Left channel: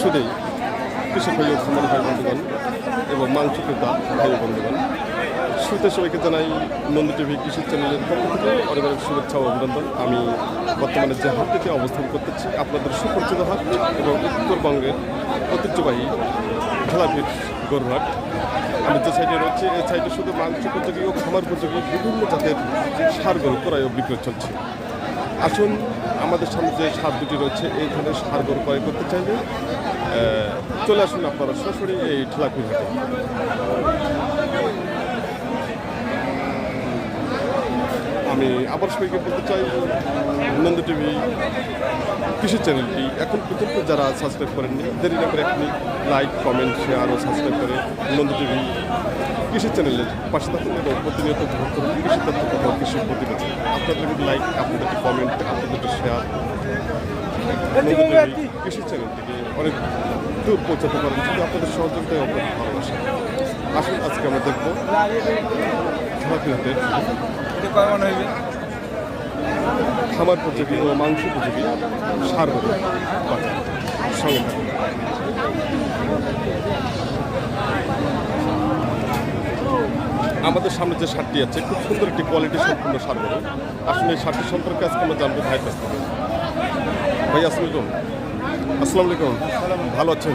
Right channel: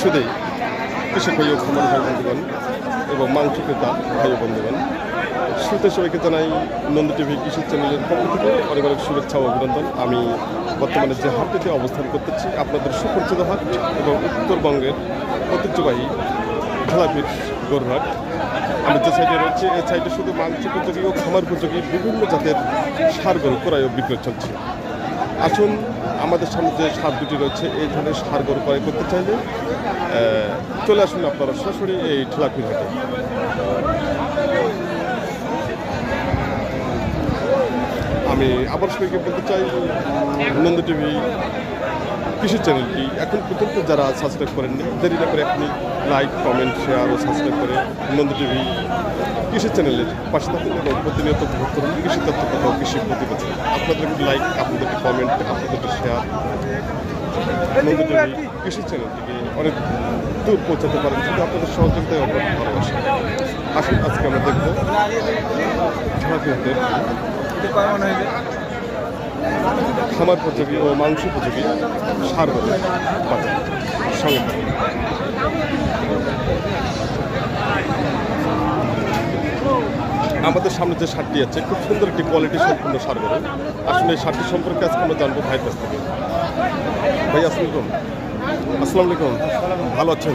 সুদেই কৃষক ভাই ও খামারি ভাই বন্ধুগণ এবং মাংস ক্রেতা ভাই বন্ধুগণ। শুরুতে সবাইকে জানাই নন্দী টিভি কৃষি চ্যানেলের পক্ষ থেকে অনেক অনেক শুভেচ্ছা ও অভিনন্দন। আমি বর্তমানে যে হাটটিতে অবস্থান করতেছি, আপনাদের সুপরিচিত হাট এবং উত্তরবঙ্গের ঐতিহ্যবাহী খেলাপির গরুহাট। আমি যে সাইডে রয়েছে, এই সাইডে শুধু মাংস উপযোগী ও খামার উপযোগী বিভিন্ন জাতের সার গরু ক্রয় ও বিক্রয় চলছে। আসুন আমাদের সামনে যে সার দুটি রয়েছে, এই ধরনের সার গরু ক্রয় করতে চাইলে চলে আসুন আপনারা সরাসরি এই ঠেলাপির হাটে। আমি আবার সবাইকে বলতে চাই, নন্দ টিভি কৃষি চ্যানেলটি এখন পর্যন্ত যারা সাবস্ক্রাইব করেননি, দেরি না করে আপনি লাইক কমেন্ট শেয়ার ও সাবস্ক্রাইব করে নন্দ টিভি কৃষি চ্যানেলের পাশে থাকুন এবং প্রতিনিয়ত ভোগ করুন কৃষি তথ্য কথা কৃষি প্রতিবেদন। আপনাদের লাইক আপনাদের কমেন্ট আপনাদের শেয়ার নন্দ টিভি কৃষি চ্যানেলটিকে অনেক দূর পৌঁছাতে পারেন, শুধু আপনাদের সহযোগিতায় আপনাদের ভালোবাসা। আসুন, আজকে আমরা দেখব খেলাপিহাটের খামার উপযোগী ও মাংস উপযোগী সার গরু বাজার সঙ্গে থাকুন। আমাদের সামনে যে সারটি আছে খুব সুন্দর একটি কোয়ালিটি সম্পূর্ণ সার গরু আসলে এই সারটি সম্পর্কে আজকে আমরা জানব ভাইয়ের কাছ থেকে। ভাই আসসালাম আসসালামু আলাইকুম ভালো আছেন?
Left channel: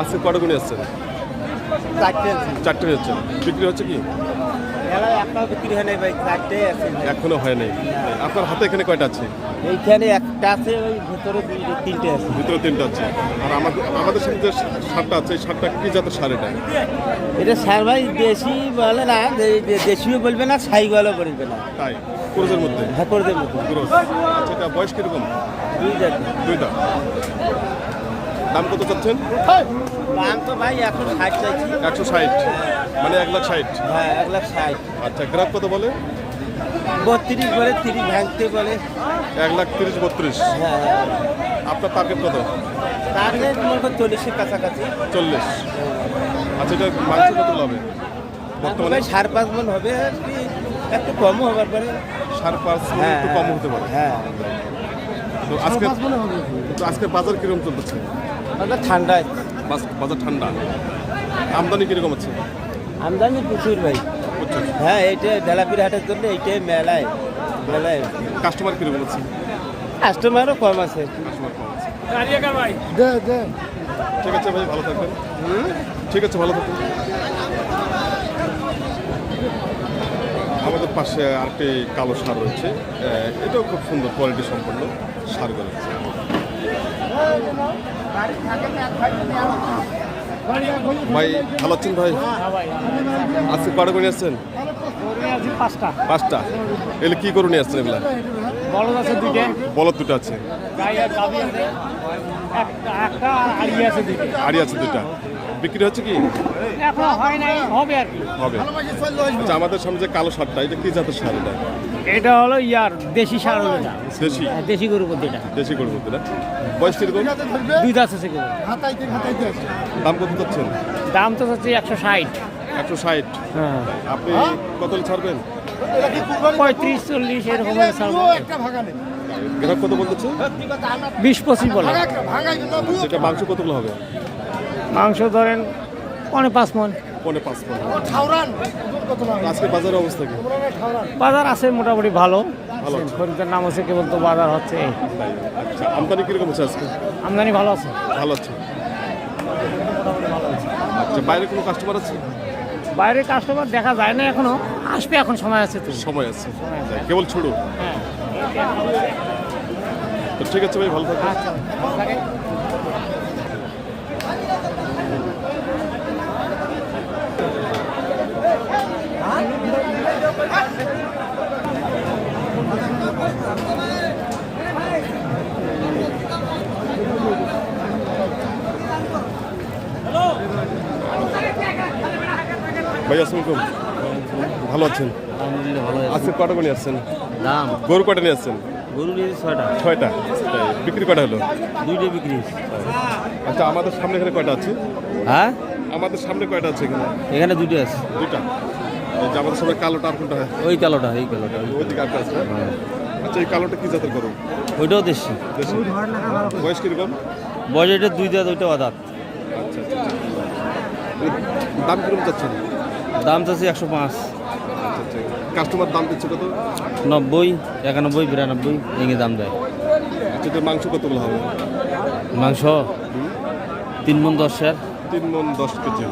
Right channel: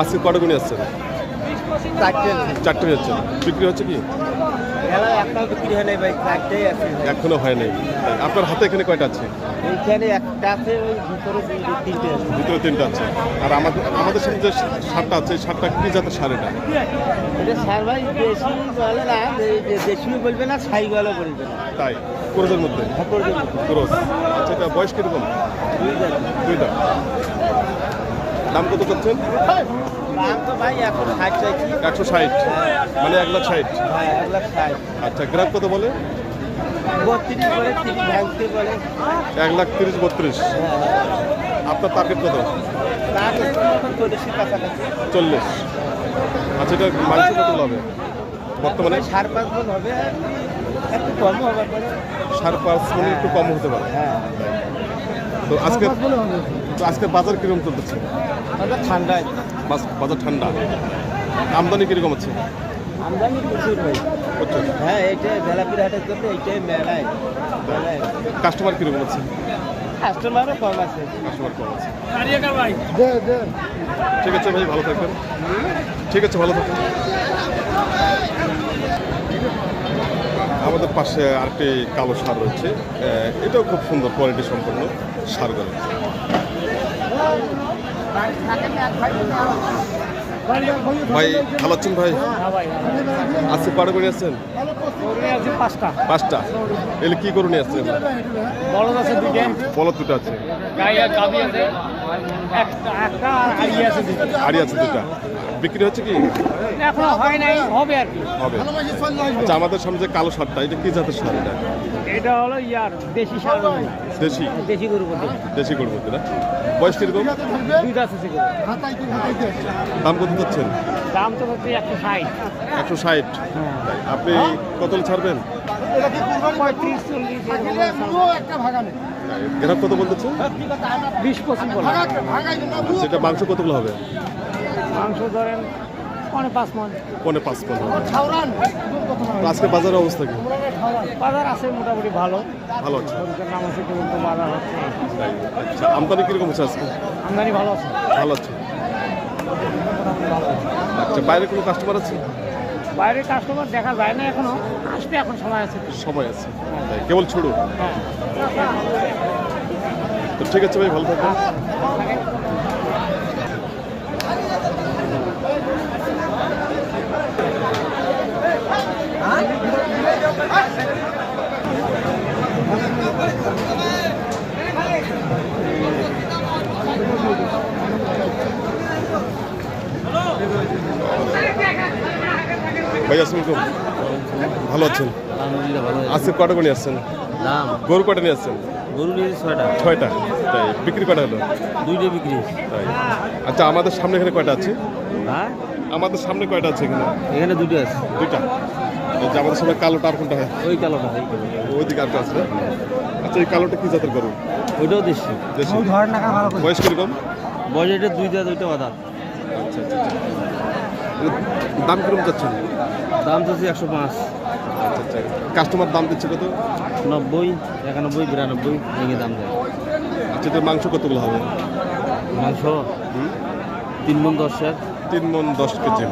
আজকে কটা গুণে আসছেন? চারটে। চারটে যাচ্ছেন বিক্রি হচ্ছে কি? এখনও হয় নাই। আপনার হাতে এখানে কয়টা আছে? এইখানে একটা আছে ওই ভিতরে তিনটে আছে। ভিতরে তিনটা আছে। আর আমাদের আমাদের সামনে যে সারটা আছে সারটা কি জাতের সার এটা? ভাই দেশি বলে না দেশিও বলবে না বলবে না। তাই? ক্রোজের মধ্যে? হ্যাঁ ক্রোজ। আচ্ছা এটা বয়স কীরকম? দুইটা। দাম কত চাচ্ছেন? দাম তো ভাই এখন ষাট চাইছি। একশো ষাট? মানে এক লাখ ষাট? হ্যাঁ আচ্ছা গ্রাহক কত বলে? এক লাখ তিরিশ বত্রিশ। হ্যাঁ। আপনার টার্গেট কত? চল্লিশ। আচ্ছা এটা মাংস কত হবে? বর্তমানে? মানে সাড়ে পাঁচ মন হবে একটু কমও হবার পরে। সাড়ে পাঁচ মনে একটু কম হতে পারে। হ্যাঁ। তো আজকে তো আজকে বাজার কীরকম চলতেছে? ঠান্ডায় বাজার ঠান্ডা। আমদানি কীরকম আছে আমদানি প্রচুর ভাই। বুঝছ হ্যাঁ এইটাই বেলাপির হাটের জন্য এইটাই মেলায় মেলায়। কাস্টমার কীরকম আছে কাস্টমারও কম আছে। কাস্টমার কম আছে। ভাই। ঠিক আছে ভাই ভালো থাকবেন। ঠিক আছে ভালো থাকবেন। আমাদের পাশে আরেকটি কালো সার রয়েছে। এটাও খুব সুন্দর কোয়ালিটি সম্পন্ন সার সারগুলো ভাই ভালো আছেন ভাই? আজকে কটা করে আসছেন? পাঁচটা। এগুলো কি করে নিয়ে আসছেন এগুলো? বড় আছে। দুটো বলদ দুটো আছে আড়ি আছে দুটো বিক্রি হচ্ছে কি? হয় হবে। আচ্ছা আমাদের সামনে যে কালো সারটা এটা কি জাতের সার এটা? এটা হলো ইয়ার দেশি সার দেশি? দেশি গরু দেশি গরুর মধ্যে না? বয়স কীরকম? দুই দাস আছে দাম কত চাচ্ছেন? দাম তো হচ্ছে একশো ষাট। একশো ষাট। তাই আপনি কত ছাড়বেন? পঁয়ত্রিশ চল্লিশ এরকম গ্রাহক কত বলতেছে? বিশ পঁচিশ বলে। সেটা মাংস কতগুলো হবে? মাংস ধরেন পনেরো পাঁচ মন। পনে পাঁচ পনেরো তো আজকে বাজারের অবস্থা কি? বাজার আছে মোটামুটি ভালো। ভালো আছে। নাম আছে কেবল তো বাজার হচ্ছে। আচ্ছা আমদানি কীরকম হচ্ছে আজকে? আমদানি ভালো আছে। ভালো আছে। আচ্ছা বাইরে কোনো কাস্টমার আছে? বাইরে কাস্টমার দেখা যায় না এখনও। আসবে এখন সময় আছে তো। সময় আছে। কেবল ছুড়ো তো ঠিক আছে ভাই ভালো থাকবেন। ভাই আসসালামাইকুম ভালো আছেন? আজকে কটা করে নিয়ে আসছেন? গরু কটা নিয়ে আসছেন? গরু নিয়েছে ছয়টা। ছয়টা? তাই বিক্রি কটা হলো? দুইটা বিক্রি। তাই। আচ্ছা আমাদের সামনে এখানে কয়টা আছে? হ্যাঁ? আমাদের সামনে কয়টা আছে এখানে? এখানে দুটো আছে। দুইটা? যে আমাদের সামনে কালোটা আর কোনটা হয়? ওই কালোটা এই কালোটা। ওইদিকে একটা আছে আচ্ছা এই কালোটা কি জাতের গরু? ওইটাও দেশি। দেশি। বয়স কীরকম? বয়স এটা দুই দেওয়া দুইটা বাদাত আচ্ছা আচ্ছা। দাম কীরকম চাচ্ছেন? দাম চাচ্ছি একশো পাঁচ। কাস্টমার দাম দিচ্ছে কত? নব্বই একানব্বই বিরানব্বই ভেঙে দাম দেয়। আচ্ছা এটার মাংস কতগুলো হবে? মাংস? তিন মন দশের তিন মন দশ কেজি।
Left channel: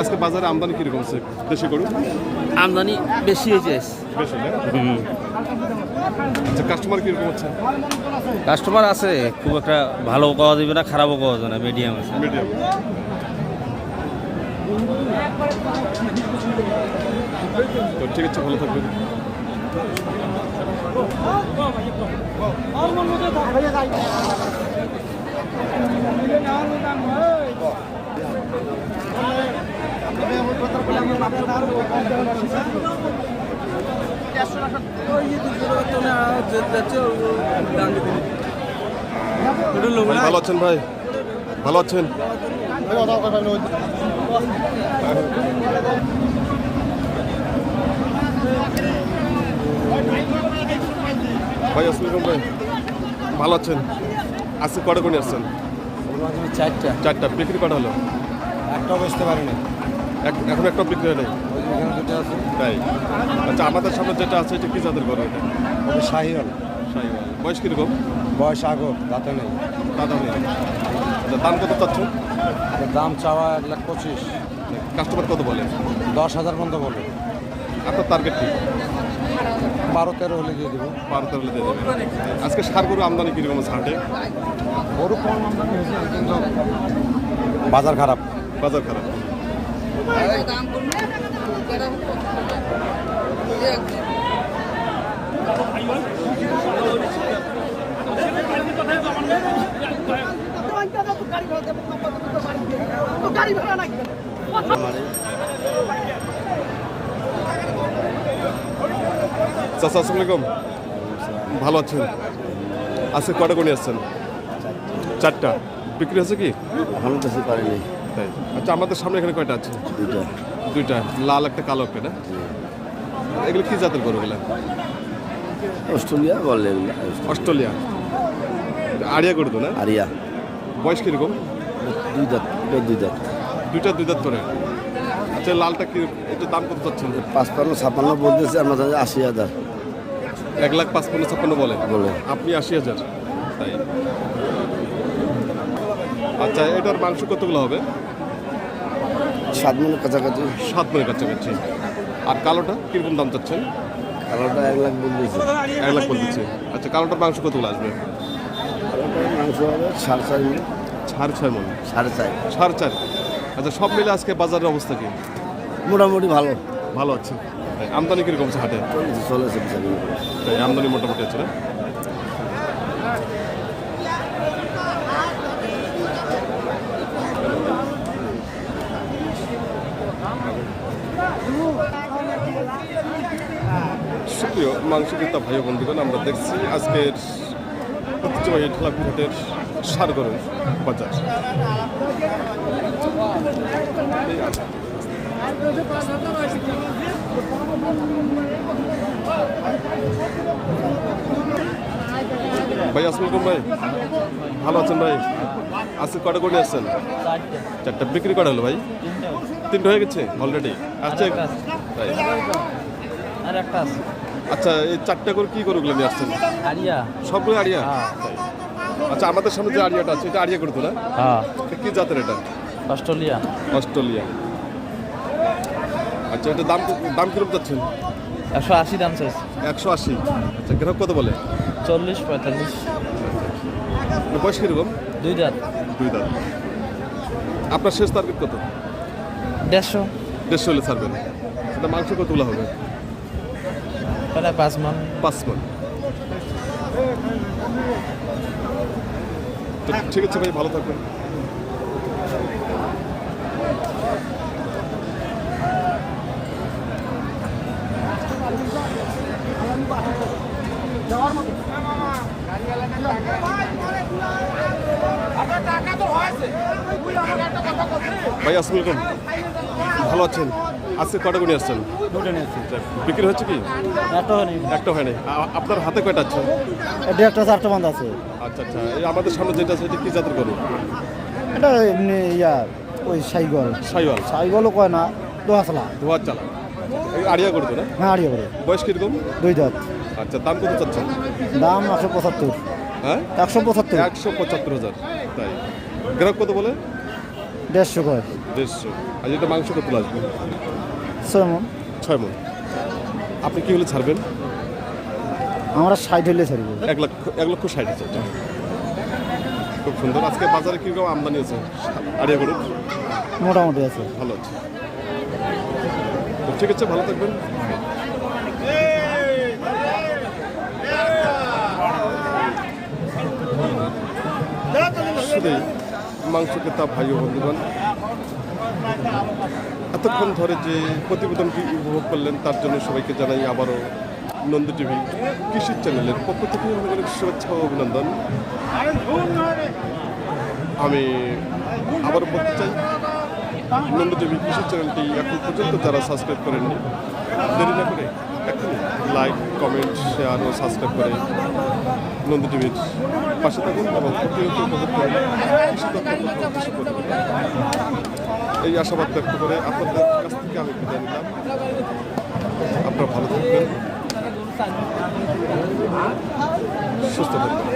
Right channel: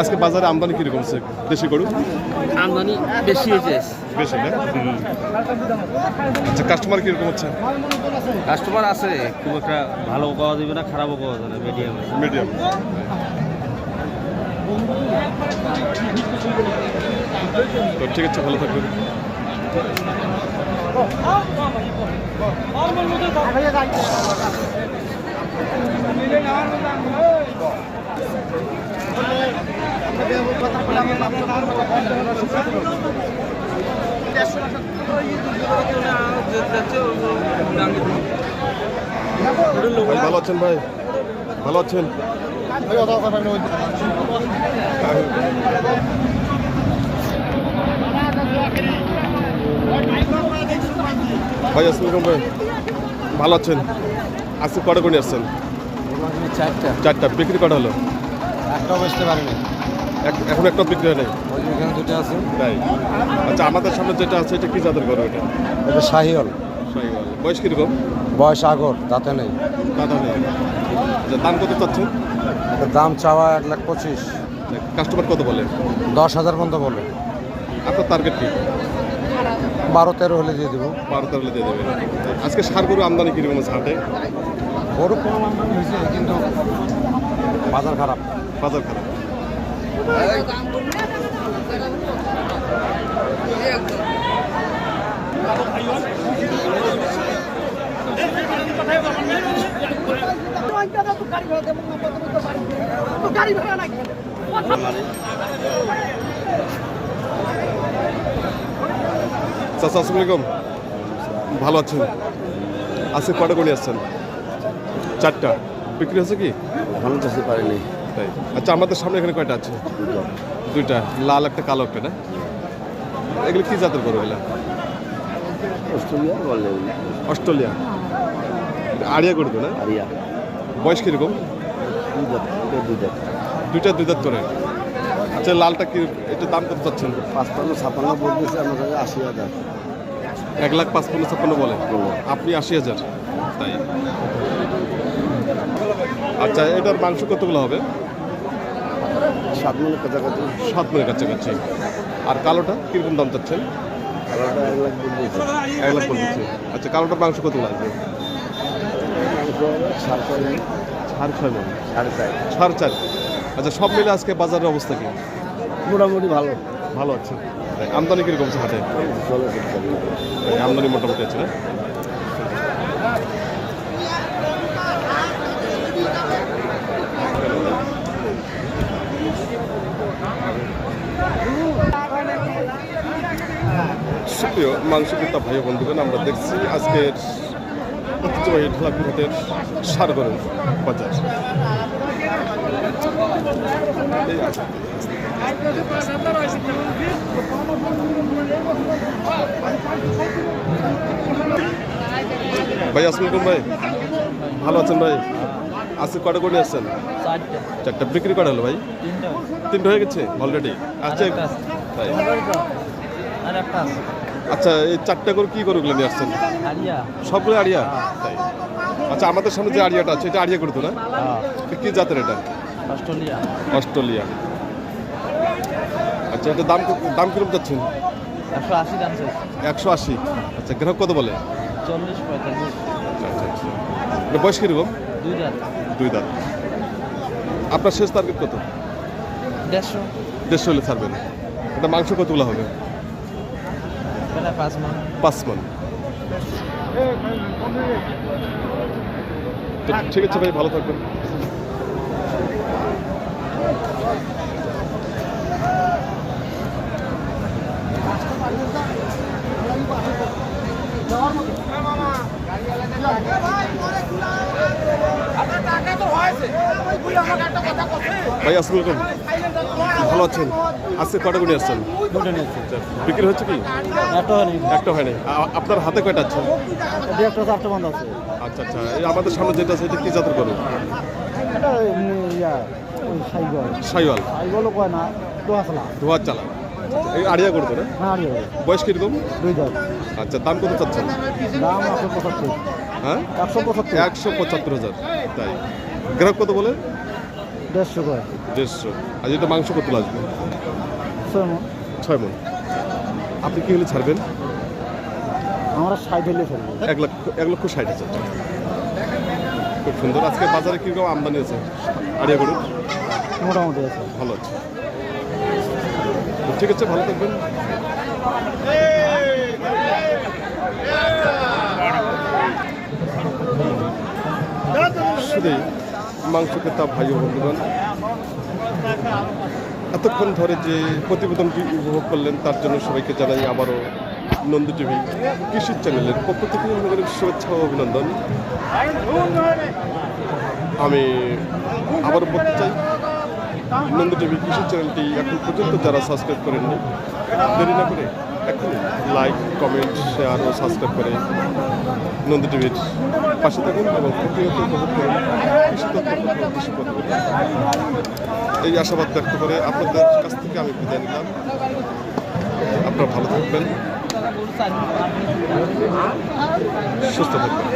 আজকে বাজারে আমদানি কীরকম আছে দেশি গরু? আমদানি বেশি হয়েছে। বেশি না? আচ্ছা কাস্টমার কীরকম হচ্ছে? কাস্টমার আছে খুব একটা ভালো পাওয়া যাবে না খারাপও পাওয়া যাবে না মিডিয়াম আছে। মিডিয়াম তো ঠিক আছে ভালো থাকবেন। ভাই ভালো আছেন ভাই? ভালো আছেন? ভাই আসসালাম ভাই। ভালো আছেন? আজকে কটা করে আসছেন? চারটা। চারটা। বিক্রি কটা হলো? একটা বসতে পারিনি। এখন একটা বিক্রি হয় নাই? তাই। আচ্ছা আমাদের সামনে যেটা আছে এটা কি জাতের গরু এটা? ওটা শাহিওল শাহিওয়াল। বয়স কীরকম? বয়স আগর তাতে নেই। দাদা নেই। আচ্ছা দাম কত চাচ্ছেন? দাম চাওয়া এক লাখ পঁচিশ। কাস্টমার কত বলে? দশ হাজার পর্যন্ত বলে। আপনার টার্গেট কি? বারো তেরো হলে দিয়ে দেবো। বারো তেরো হলে দিয়ে দেবেন। আজকে সার গরু আমদানি কীরকম আছে হাটে? বড় কম আমদানি হয়েছে কিন্তু বাজার খারাপ। বাজার খারাপ। গাড়ি ভাড়া চাচা ভালো আছেন? আজকে কটা করে আসছেন? চারটা। বিক্রি হচ্ছে কি? ভালো চাষি পারেনি। তাই। আচ্ছা আমাদের সামনে এখানে কয়টা আছে? দুইটা। লাল একটা কালো একটা না? এগুলো কি জাতের গরু এগুলা অস্ট্রেলিয়া বললেন অস্ট্রেলিয়া। আড়িয়া গরু তো না? আরিয়া। বয়স কীরকম? দুই দাঁত দুই দাঁত দুইটা দুই দাঁত করে। আচ্ছা লালটা কি একটু দাম কত পাচ্ছেন পাঁচপান্ন ছাপান্ন বলতেছে আমাদের আশি হাজার। এক লাখ পাঁচপান্ন ছাপ্পান্ন বলে। আপনি আশি হাজার তাই। আচ্ছা এটার মাংস কতগুলো হবে? সাত কাছাকাছি। সাত মনের কাছাকাছি। আর কালোটা কীরকম দাম চাচ্ছেন? কালোটা এক লাখ বলতেছে। এক লাখ বলতেছে। আচ্ছা কালোটার মাংস কতগুলো আসবে? সাড়ে ছয় সাড়ে ছয় মন সাড়ে চার সাড়ে চার। আচ্ছা সব মিলে আজকে বাজারের অবস্থা কি? মোটামুটি ভালো। ভালো আছে। তাই আমদানি কীরকম আছে হাটে? তাই আমদানি মোটামুটি আছে না? সুপ্রিয় মাংস ক্রেতা ভাই বন্ধুগণ আমরা দেখছি আজকের ঐতিহ্যবাহী ঢালাপিরহাটের সারগরের বাজার। ভাই আসসালাম ভাই। ভালো আছেন ভাই? আজকে কটা করে আসছেন? চারটা। বিক্রি করা হলো ভাই? তিনটা হয়ে গেছে? অলরেডি আচ্ছা তাই? আর একটা আছে। আচ্ছা এই চারটা করে কি গরুগুলো নিয়ে আসছেন? সবগুলো আড়িয়া? আচ্ছা আমাদের সামনে যে আড়িয়াটা আছে এটা আড়িয়া করতো না? হ্যাঁ। কি জাতের এটা? অস্ট্রেলিয়া। অস্ট্রেলিয়া। আচ্ছা এটা দাম দাম কীরকম যাচ্ছেন একশো আশি দাম চাইছে। একশো আশি? আচ্ছা গ্রাহক কত বলে? চল্লিশ পঁয়তাল্লিশ। বয়স কীরকম? দুই দাঁত। দুই দাঁত। আপনার শেষ টার্গেট কত? দেড়শো। দেড়শো হলে ছাড়বেন। এটা মাংস কতগুলো হবে? মন ঠিক আছে ভাই ভালো থাকবেন। ভাই আসসালামু ভালো আছেন? আজকে কটা গুণি আসছেন? দুটো বিক্রি হচ্ছে কি? একটা হয়নি। একটা হয় নাই আ- আপনার হাতে কয়টা আছে? চারটা বান্ধ আছে। আচ্ছা আচ্ছা। এই আমাদের সামনে যেটা আছে এটা কি জাতের গরু? এটা এমনি ইয়া ওই সাইগল। সাইওয়াল সাইগলও কয় না ধোয়ার চালা এই আড়িয়া গরু তো না? হ্যাঁ আড়িয়ে বলে বয়স কীরকম? দুই দাঁত। আচ্ছা দাম কত চাচ্ছেন? দাম একশো পঁচাত্তর। হ্যাঁ? একশো পঁচাত্তর। একশো পঁচাত্তর হাজার। তাই। গ্রাহক কত বলে? দেড়শো কয় দেড়শো। আর এটা মাংস কত আসবে ছয় মণ। ছয় মন। আপনি কি হলে ছাড়বেন? আমরা ষাট হলে ছাড়বো। এক লক্ষ এক লক্ষ ষাট হাজার টাকা। খুব সুন্দর। আজকে বাজারে কীরকম আমদানি আছে? আড়িয়া গরুর মোটামুটি আছে। ভালো আছে। তো ঠিক আছে ভালো থাকবেন। শুধুই মাংস ক্রেতা ভাই ও বন্ধুগণ। এতক্ষণ ধরে যে প্রতিবেদনটি উপভোগ করলেন, তার জন্য সবাইকে জানাই আবারও নন্দী টিভি কৃষি চ্যানেলের পক্ষ থেকে অনেক অনেক শুভেচ্ছা ও অভিনন্দন। আমি আবারও বলতে চাই, নন্দ টিভি কৃষি চ্যানেলটি এখন পর্যন্ত যারা সাবস্ক্রাইব করেননি, দেরি না করে এখনই লাইক, কমেন্ট, শেয়ার ও সাবস্ক্রাইব করে নন্দ টিভির পাশে থাকুন এবং প্রতিনিয়ত উপভোগ করুন কৃষি তথ্য কৃষি প্রতিবেদন। এই আশাবাদ ব্যক্ত করে আপনাদের কাছ থেকে আমি বিদায় নিলাম। আপনারা ভালো থাকবেন। সুস্থ থাকবেন।